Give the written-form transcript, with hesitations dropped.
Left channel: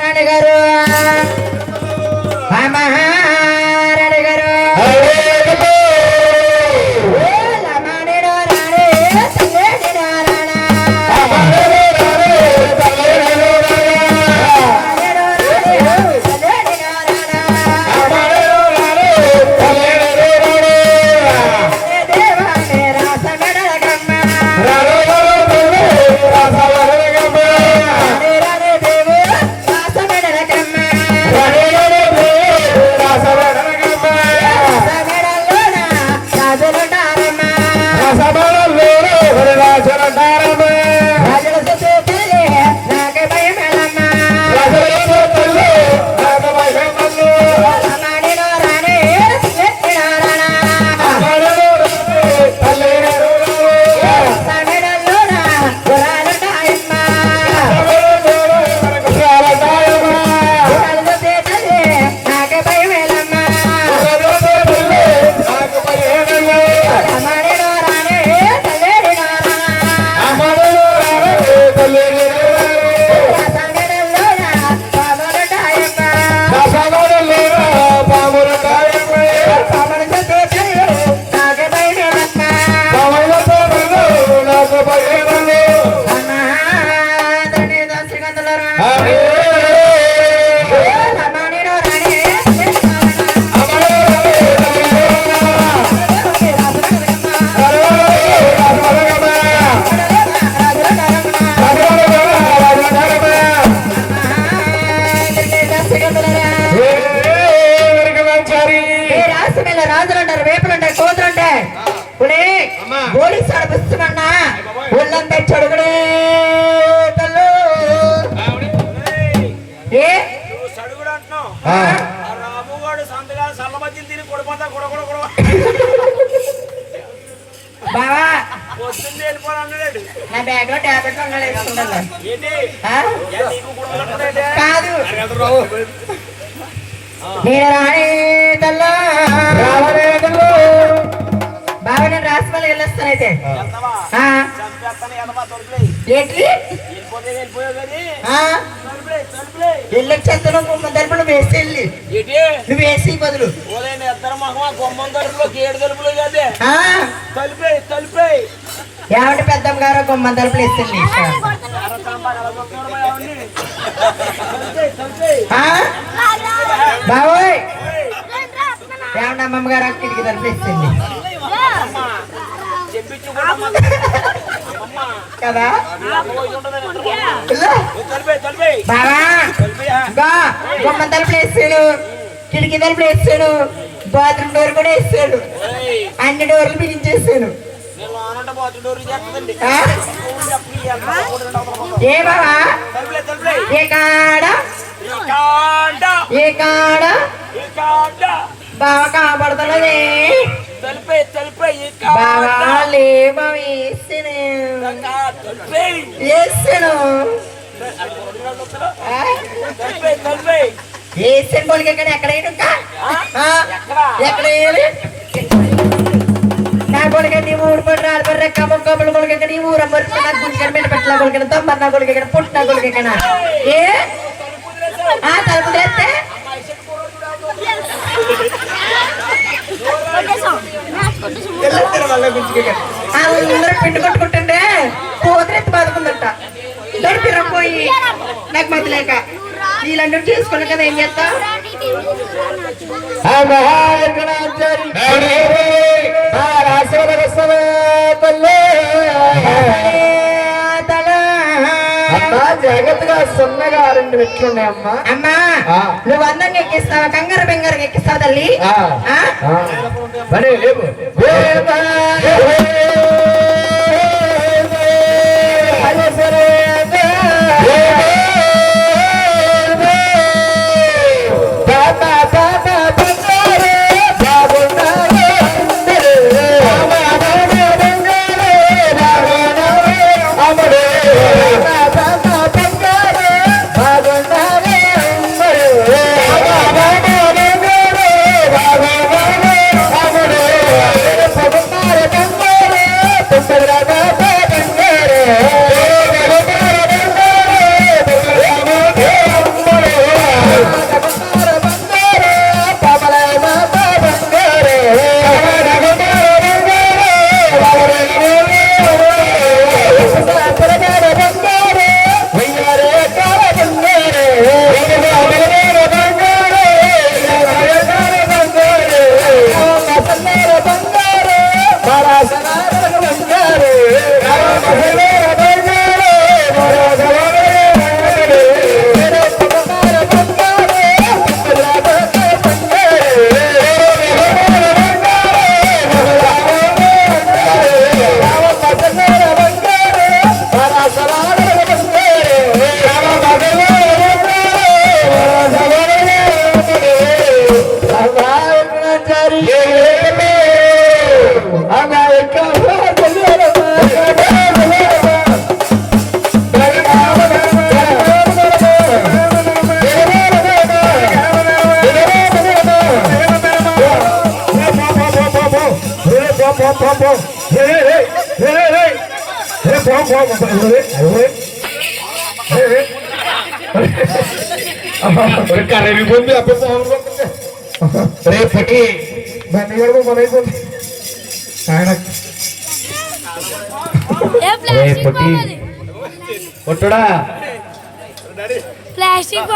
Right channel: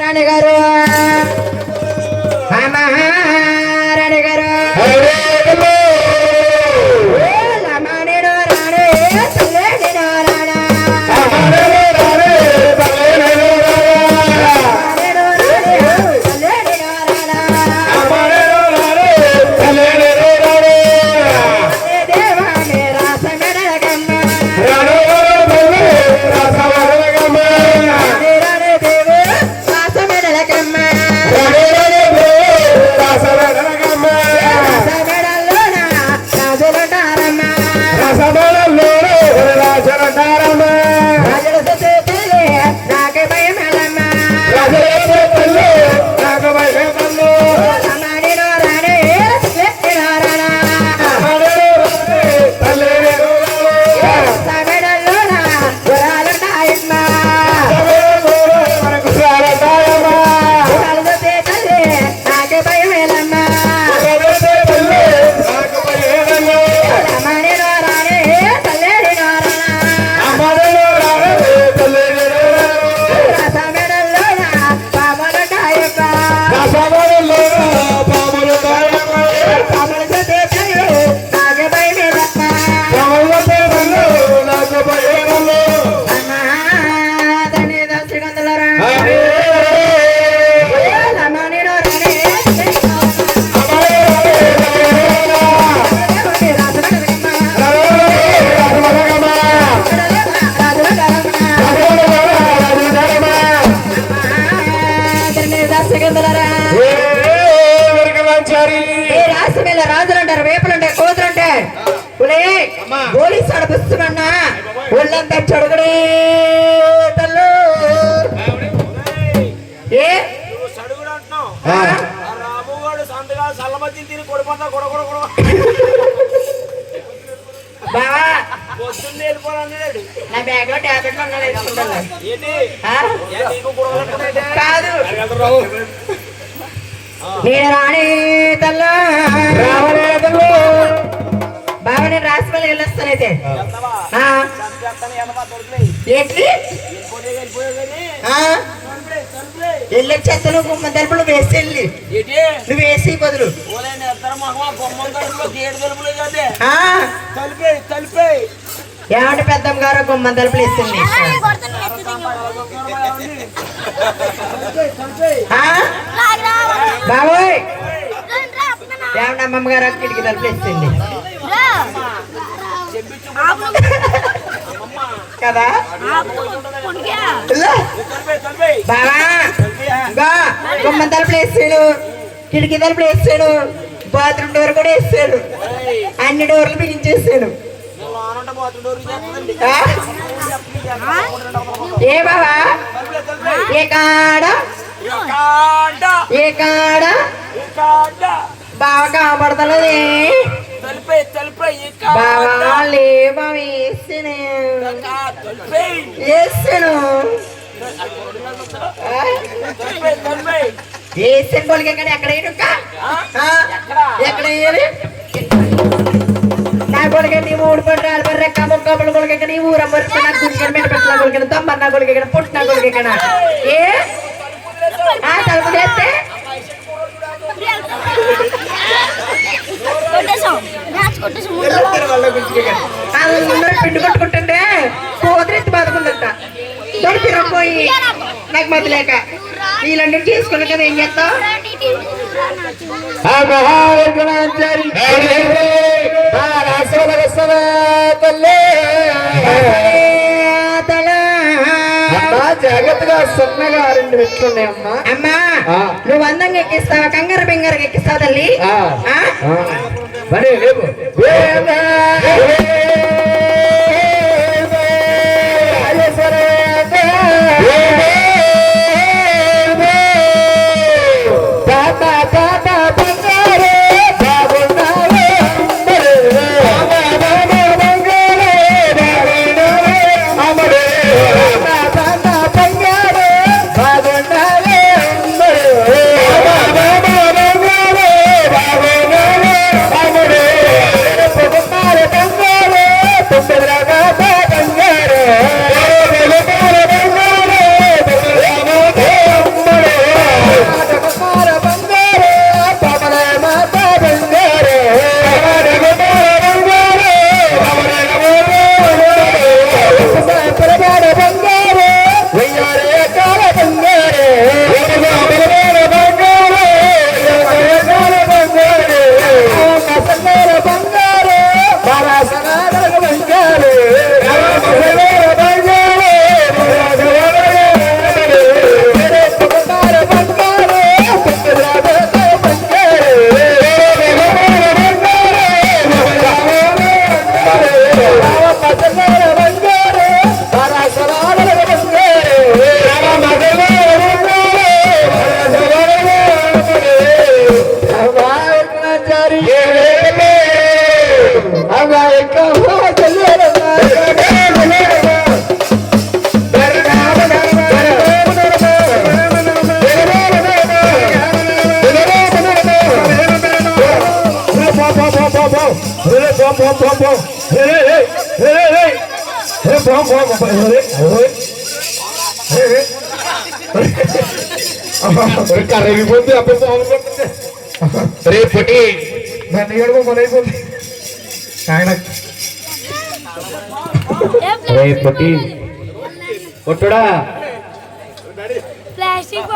రాణి గారు రాణి గారు నేను రాణి తల్లా బాబా నేను రాసిమల్లి వెళ్ళొస్తానైతే ఏంటి వెళ్ళొచ్చేస్తాను గుమ్మ తలుపులు వేసి వెళ్ళి నువ్వు వేసి బదులు ఏమంటే పెద్దమ్మ గారు గుమ్మ తలుపులు వేసింది బాబోయ్ ఏమంటే అమ్మమ్మ గారు కిటికీ తలుపులు వేసింది కదా బాబా గుమ్మ తలుపులు వేసాడు కిటికీ తలుపులు వేసాడు బాత్రూమ్ డోర్ కూడా వేసాడు అన్ని డోర్లు బిగించేసాడు ఏ బాబా ఏ కాడ బాగా కనపడతలేదే వేసాను వేసాను కొడుకు ఎక్కడ ఎక్కడ నా కొడుకు నీ మూడు పట్టాలు రెక్క మొక్కలు కొడుకు నీ ఊర గుడికి పెట్టలా కొడుకు తమ్మన్న కొడుకు ఎక్కడ పుట్టిన కొడుకు ఎక్కడ ఏ తలుపు చేస్తే పిండి కొట్టుకుంటుంటే పోతరెత్తి బాదుకుందట దొరికిరపోయి నాకు మధ్య లేక వీళ్ళందరూ చేసుకున్నా కదా ఏం చేస్తావు జాగ్రత్తగా సున్నగా రెండు పెట్టుకున్నాయి అమ్మా అమ్మా నువ్వు అందంగా ఎక్కిస్తావా కంగారు బెంగారు ఎక్కిస్తావు తల్లి కరెంట్ అప్పుడు రే పొట్టి దాన్ని గడప పని అయిపోతుంది ఆయన రే పొట్టి పొట్టుడా प्लास्टिक